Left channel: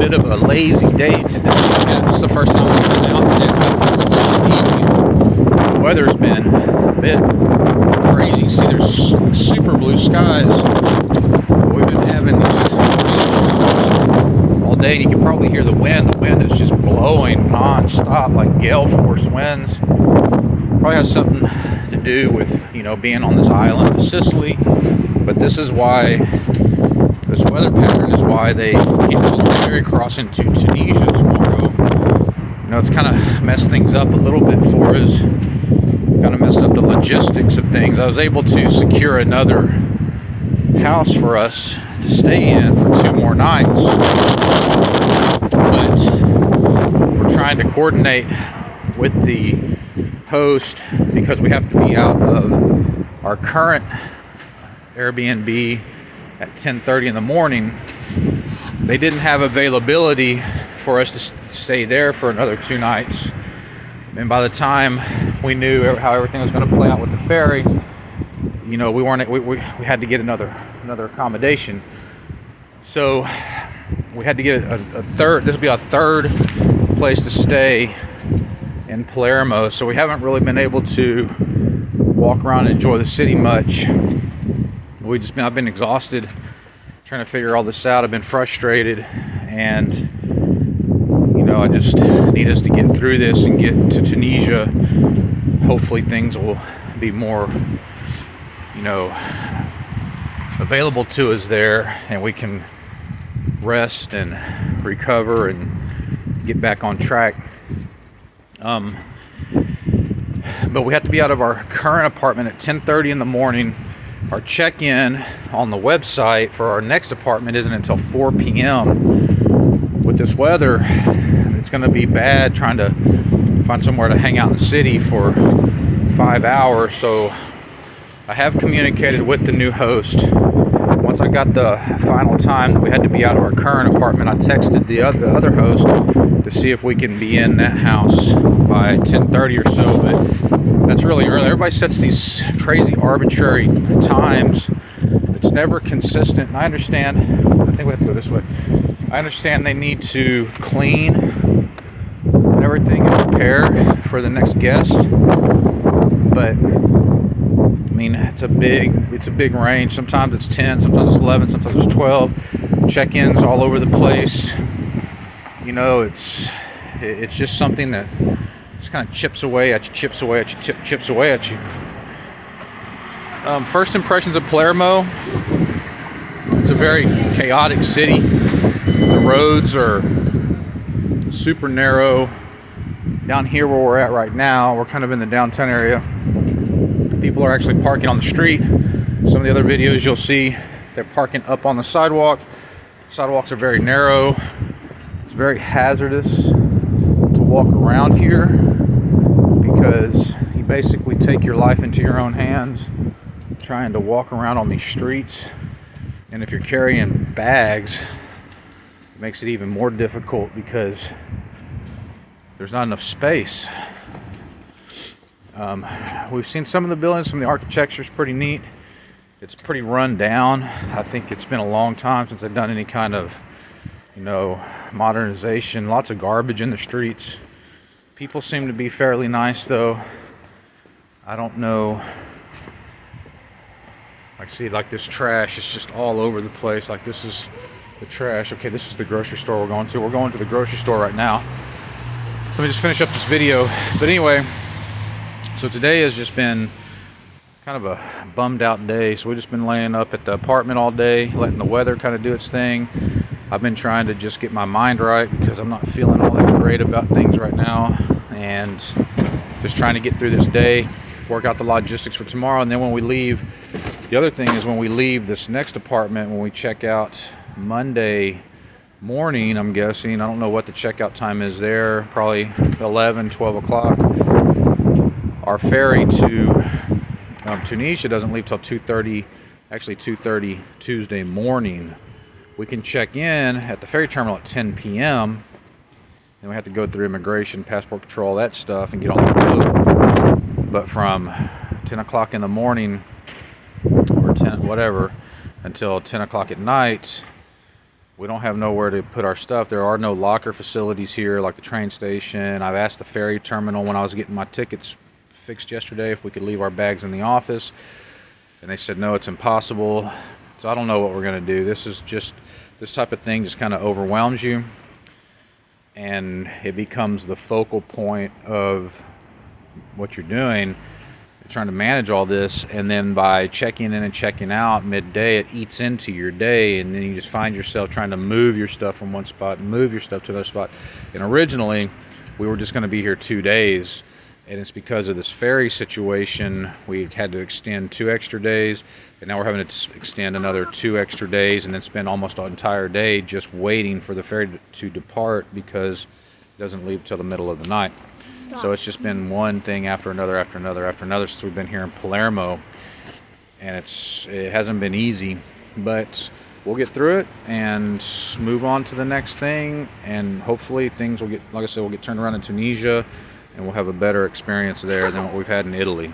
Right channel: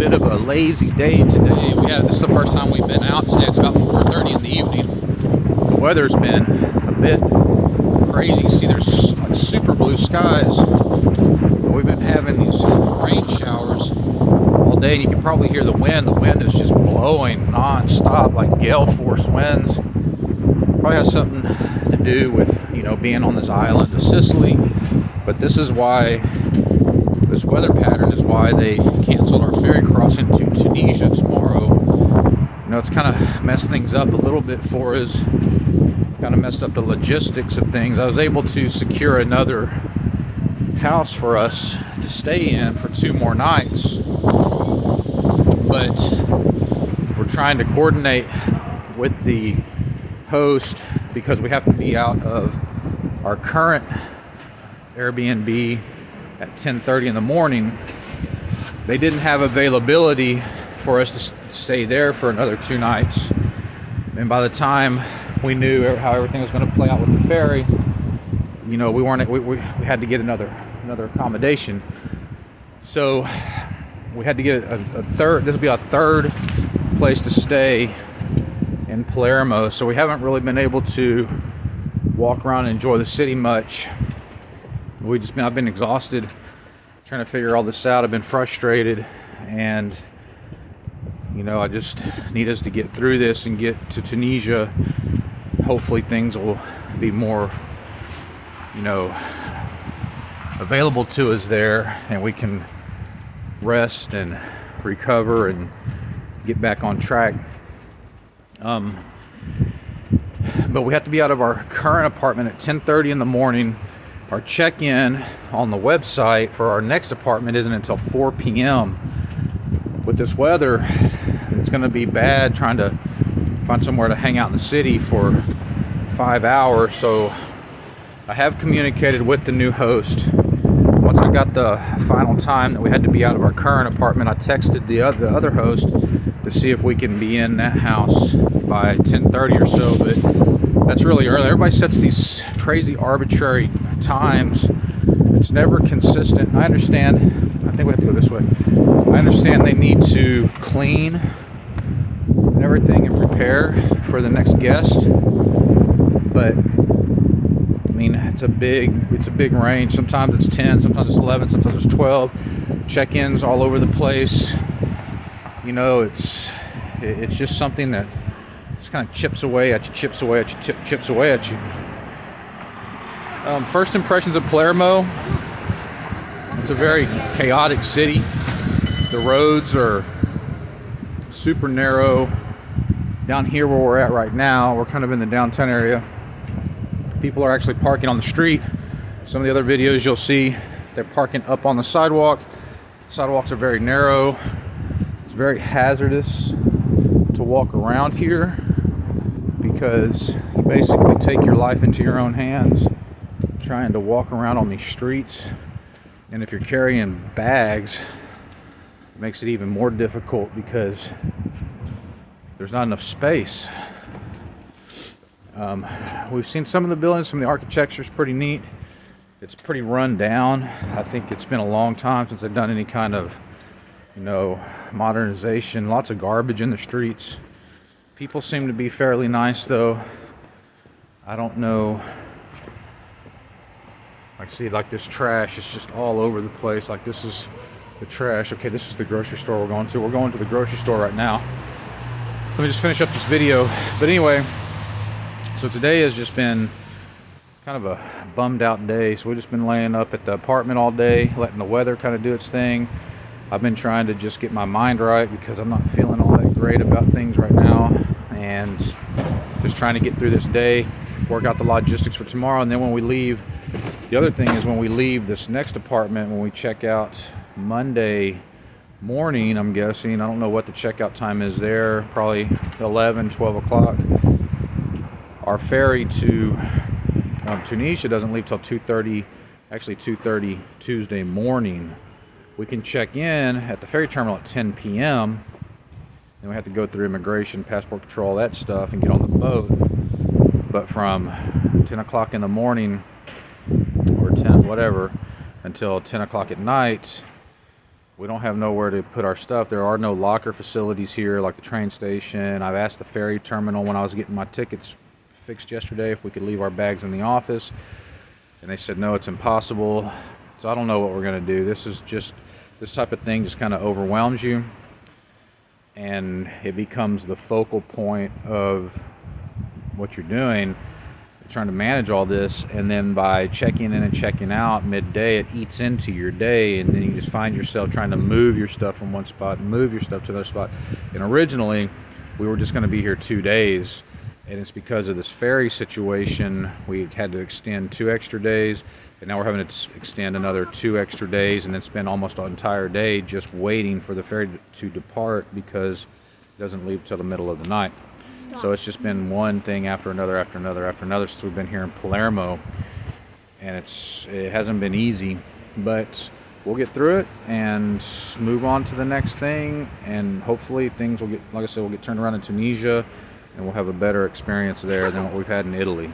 bit of a lazy day today. Yeah, this is the first time we've been out today. It's about 4:30 in the evening. The weather's been a bit crazy. See, there's like super blue skies. We've been having these rain showers all day, and you can probably hear the wind. The wind is just blowing non-stop, like gale force winds. Probably has something to do with, being on this island of Sicily. But this is why, this weather pattern is why they canceled our ferry crossing to Tunisia tomorrow. It's kind of messed things up a little bit for us. Kind of messed up the logistics of things. I was able to secure another house for us to stay in for 2 more nights. But we're trying to coordinate with the host because we have to be out of our current Airbnb at 10:30 in the morning. They didn't have availability for us to stay there for another 2 nights, and by the time we knew how everything was going to play out with the ferry, we had to get another accommodation. So we had to get a third. This will be our third place to stay in Palermo, so we haven't really been able to walk around and enjoy the city much. I've been exhausted trying to figure all this out. I've been frustrated, and I just need us to get through this and get to Tunisia. Hopefully things will be more available to us there, and we can rest and recover and get back on track. But we have to be out of our current apartment at 10:30 in the morning. Our check-in on the website for our next apartment isn't until 4 p.m. With this weather, it's going to be bad trying to find somewhere to hang out in the city for 5 hours. So I have communicated with the new host. Once I got the final time that we had to be out of our current apartment, I texted the other host to see if we can be in that house by 10:30 or so. But that's really early. Everybody sets these crazy arbitrary times. It's never consistent. And I understand. I think we have to go this way. I understand they need to clean and everything and prepare for the next guest. But it's a big range. Sometimes it's 10, sometimes it's 11, sometimes it's 12. Check-ins all over the place. It's just something that just kind of chips away at you. First impressions of Palermo. It's a very chaotic city. The roads are super narrow. Down here where we're at right now, we're kind of in the downtown area. People are actually parking on the street. Some of the other videos you'll see, they're parking up on the sidewalk. Sidewalks are very narrow. It's very hazardous to walk around here because you basically take your life into your own hands trying to walk around on these streets. And if you're carrying bags, it makes it even more difficult because there's not enough space. We've seen some of the buildings, some of the architecture is pretty neat. It's pretty run down. I think it's been a long time since they've done any kind of, modernization. Lots of garbage in the streets. People seem to be fairly nice though. I don't know. I see this trash is just all over the place. Like this is the trash. Okay, this is the grocery store we're going to. We're going to the grocery store right now. Let me just finish up this video. But anyway, so today has just been kind of a bummed out day. So we've just been laying up at the apartment all day, letting the weather kind of do its thing. I've been trying to just get my mind right because I'm not feeling all that great about things right now, and just trying to get through this day, work out the logistics for tomorrow. And then when we leave, the other thing is when we leave this next apartment, when we check out Monday morning, I'm guessing, I don't know what the checkout time is there, probably 11, 12 o'clock. Our ferry to Tunisia doesn't leave till 2:30, actually 2:30 Tuesday morning. We can check in at the ferry terminal at 10 p.m. and we have to go through immigration, passport control, all that stuff, and get on the boat. But from 10 o'clock in the morning or 10 whatever until 10 o'clock at night, we don't have nowhere to put our stuff. There are no locker facilities here like the train station. I've asked the ferry terminal when I was getting my tickets fixed yesterday if we could leave our bags in the office, and they said no, it's impossible. So I don't know what we're going to do. This type of thing just kind of overwhelms you, and it becomes the focal point of what you're doing, trying to manage all this. And then by checking in and checking out midday, it eats into your day, and then you just find yourself trying to move your stuff from one spot and move your stuff to another spot. And originally we were just going to be here 2 days, and it's because of this ferry situation we had to extend 2 extra days, and now we're having to extend another 2 extra days, and then spend almost an entire day just waiting for the ferry to depart, because it doesn't leave till the middle of the night. So it's just been one thing after another after another after another since we've been here in Palermo, and it hasn't been easy, but we'll get through it and move on to the next thing, and hopefully things will get, like I said, we'll get turned around in Tunisia, and we'll have a better experience there than what we've had in Italy.